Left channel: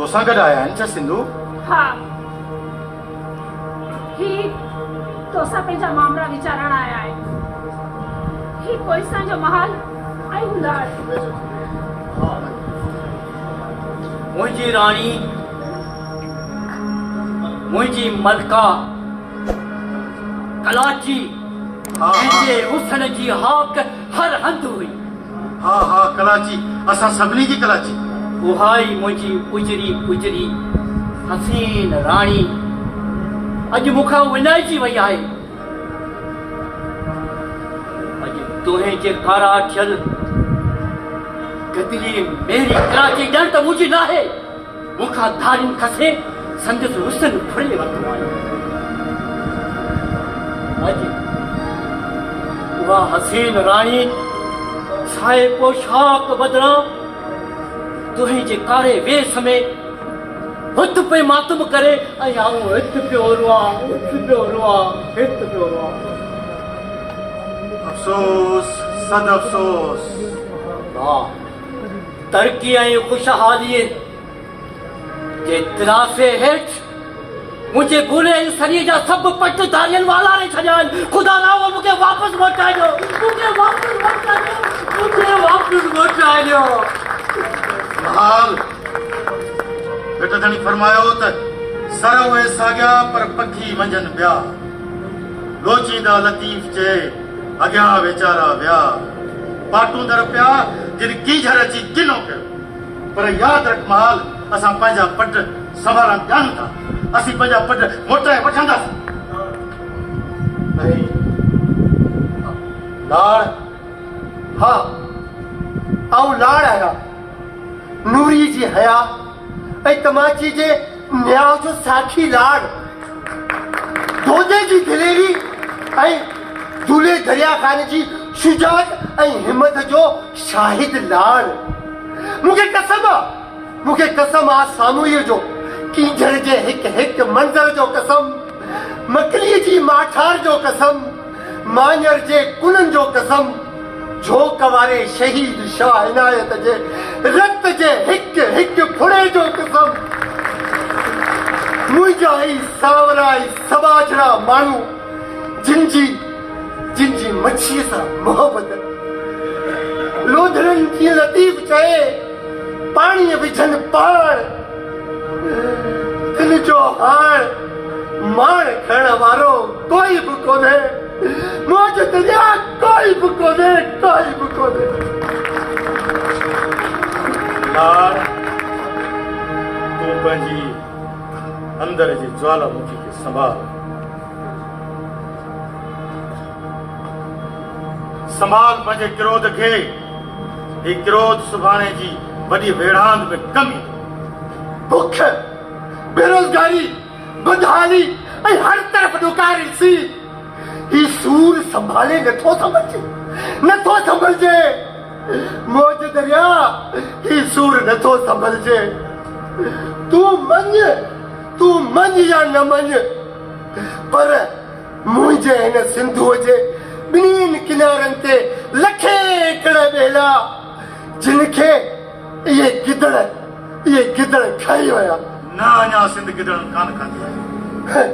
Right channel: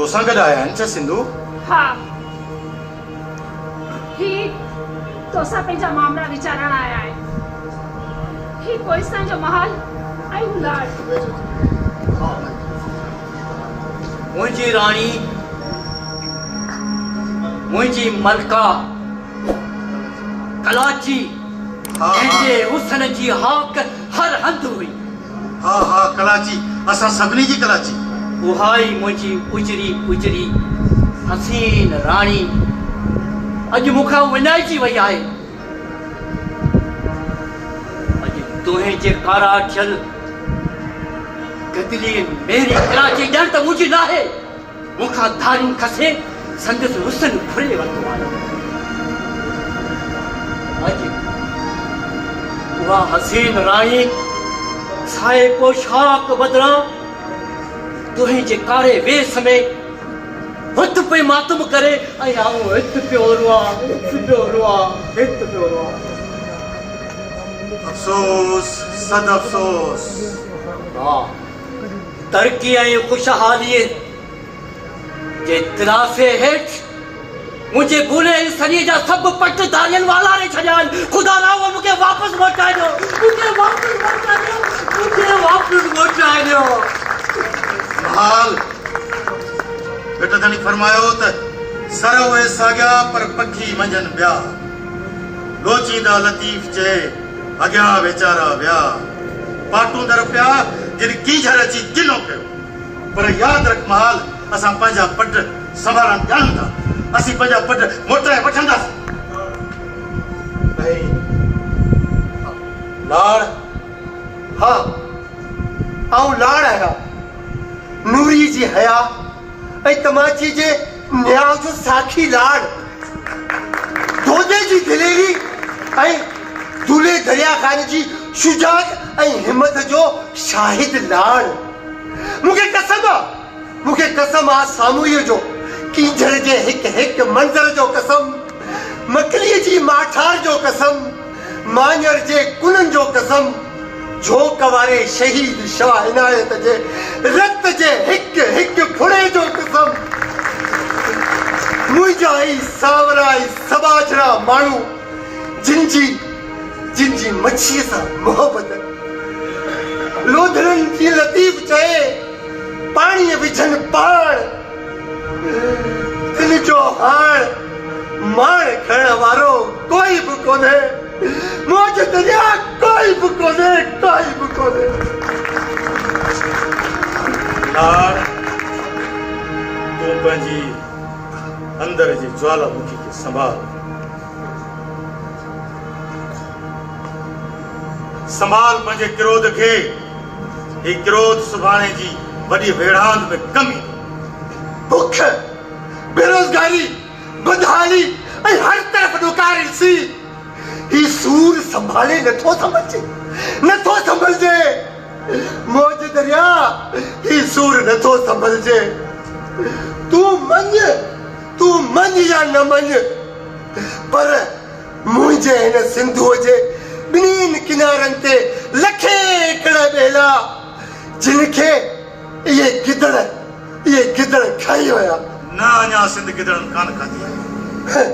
तोसां गॾु आया आहिनि छा सिंधु? हा, ही तोसां पंहिंजा मामला वीचारण आया आहिनि। ही कोहिस्तान जो महल ऐं उलाड़। मुंहिंजी राणी, मुंहिंजी मलका कलाची जंहिंजे हुस्न जी हाक हर हंधि हुई। हा हा, कलाची, असां सभिनी जी कलाची। उहा ई मुंहिंजी उजरी उजरी हसीन राणी अॼु मूंखां विञाइजी वई आहे। अॼु तुंहिं जे कारा थियल गदिली मेरी कलाची ॼण त मुंहिंजी न आहे। मूंखां धारियूं खसे संदसि हुस्न फुरे वरितो आहे। अॼु उहा हसीन राणी साए पोशाक बदिरां तुहिं जे कारे वेस में हथ पे मातम करे ऐं आऊं हित पियो रोआं, अफ़सोस, सद अफ़सोस। वाह, तरक़ी ऐं ख़ुशहालीअ जे तिराफ़े हेठि मुंहिंजे बुरे ऐं सरीअ जा सभु पट धारियनि वाला ने छॾिया आहिनि। ख़ुदा राव मूंखे वापसि मोटाए ॾियो, हाल बेटा धणी फरमायो त सर उहे साॻिया पर पखी मंझनि ॿिया। लोचींदा लतीफ़ चए अॻियां वीचारा विया। पाटूंदड़ पिया जिन कीझर अची किनो पियो। पर यादि रख महाल, असां पंहिंजा पट संभालण ॼाणूं था। असीं पंहिंजा पट मोटाए वठंदासीं। लाड़, हाँ आऊं लाड़ आहियां। नूरी जी हया ऐं तमाची जे न्याज़ साखी लाड़। दोदे जी दिलेरी ऐं दूल्हे दरिया खान जी शुजात ऐं हिम्मत जो शाहिद लाड़। मूंखे कसम आहे सामूहीअ जो, कीझड़ जे हिक हिक मंज़र जो कसम, मकलीअ जी माठार जो कसम, मांझर जे कुननि जो कसम, झोक वारे शहीद शाह इनायत जे रत जे हिक हिक फुड़े जो कसम। मुंहिंजा ई सावरा ई सबाजरा माण्हू जिन जी मच्छीअ सां मोहबत। लोधरनि जी लतीफ़ चए पाणीअ विझनि पाण। दिल जो हाण माण खणण वारो कोई बि कोन्हे। मौज दरिया कोई बि कोन्हे। लाड़, तूं पंहिंजी अंदर जी ज्वालामुखी खे संभाल पंहिंजे क्रोध खे। ही क्रोध सुभाणे जी वॾी वेढ़ांद में कमी। बुख, बेरोज़गारी, बदहाली ऐं हर तरफ़ ॾुकार ॾिसी ही सूर संभाले नथो संभलजे। मौज दरिया, ही सूर नथो संभलजे। तूं मञ या न मञ, पर मुंहिंजे हिन सिंधुअ जे ॿिन्हिनि किनारनि ते लखे एकड़ ॿेला जिनखे इहे गिदड़ खाई विया। न अञा सिंध गिदड़नि कान खाधी आहे।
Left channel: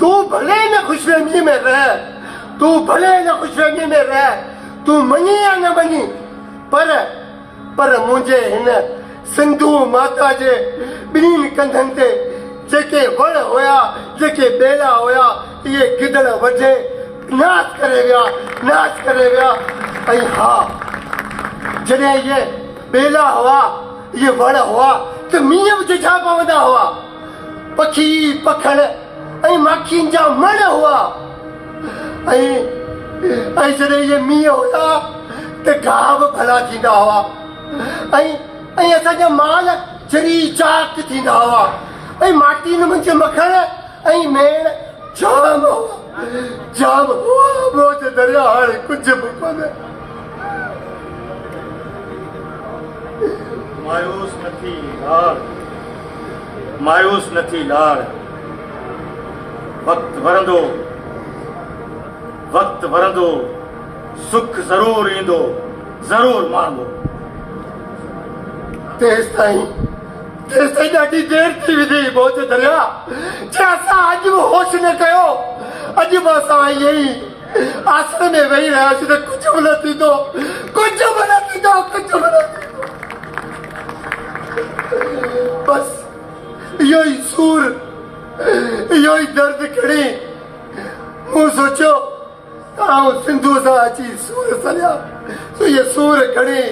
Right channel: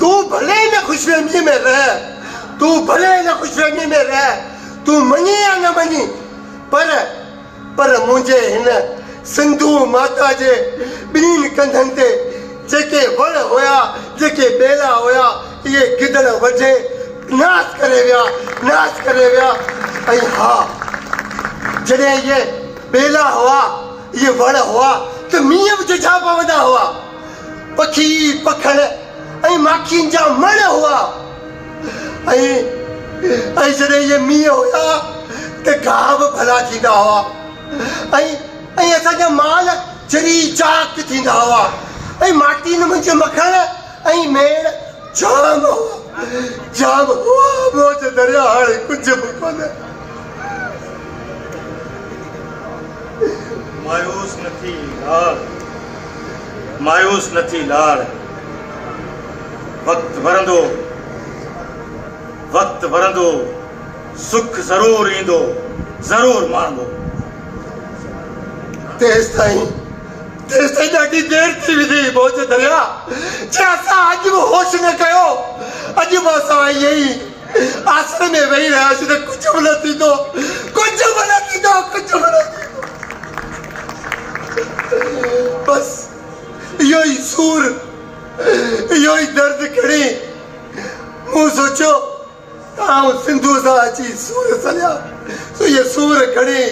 तूं भले न खुशफहमी में रह, तूं मञी या न मञी, पर मुंहिंजे हिन सिंधु माता जे ॿिन्हिनि कंधनि ते जेके वण हुया, जेके ॿेला हुया, इहे गिदड़ वढे नाश करे विया। ऐं हा, जॾहिं इहे ॿेला हुआ, इहे वण हुआ त मींहं बि झझा पवंदा हुआ। पखी पखड़ ऐं माखियुनि जा मण हुआ। ऐं जॾहिं इहे मींहं हुया त गाह बि भला थींदा हुआ। ऐं असांजा माल जरी चाक थींदा हुआ। ऐं माटीन मुंहिंजे मखण ऐं मेण जाम हुआ। मौज दरिया हाणे कुझु बि कोन्हे। मायूस न थी लाड़। वक्त वरंदो, सुख ज़रूर ईंदो, ज़रूर मांगो। तेस तेसे ॾाढी देर थी विधी बोझ दरिया जे असां अॼु बि होश न कयो अॼु बि असां यही आश्रम में वेही रहियासीं त कुझु बि न थींदो कुझु बि न थींदो कुझु बि न थींदो बस इहो ई सूर इहो ई दर्द खणी मूं सोचियो आउं सिंधू सां अची सूर सॼा इहे सूर खणी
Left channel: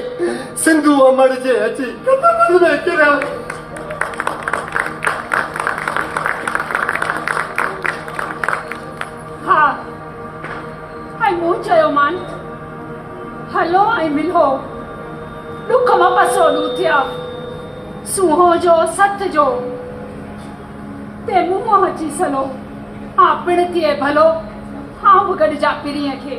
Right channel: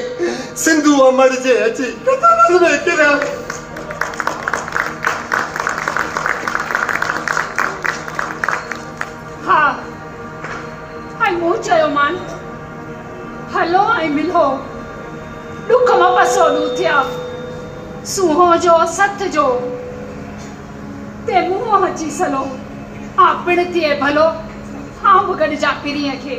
सिंधू अमड़ जे अची कदमनि में किरिया हा ऐं मूं चयो मान हलो ऐं मिलो ॾुख मां पसो ॾू थिया सूंहों जो सथ जो ते मुंहुं अची सलो आ पिण थिए भलो आउं बि गॾिजां पिरीअ खे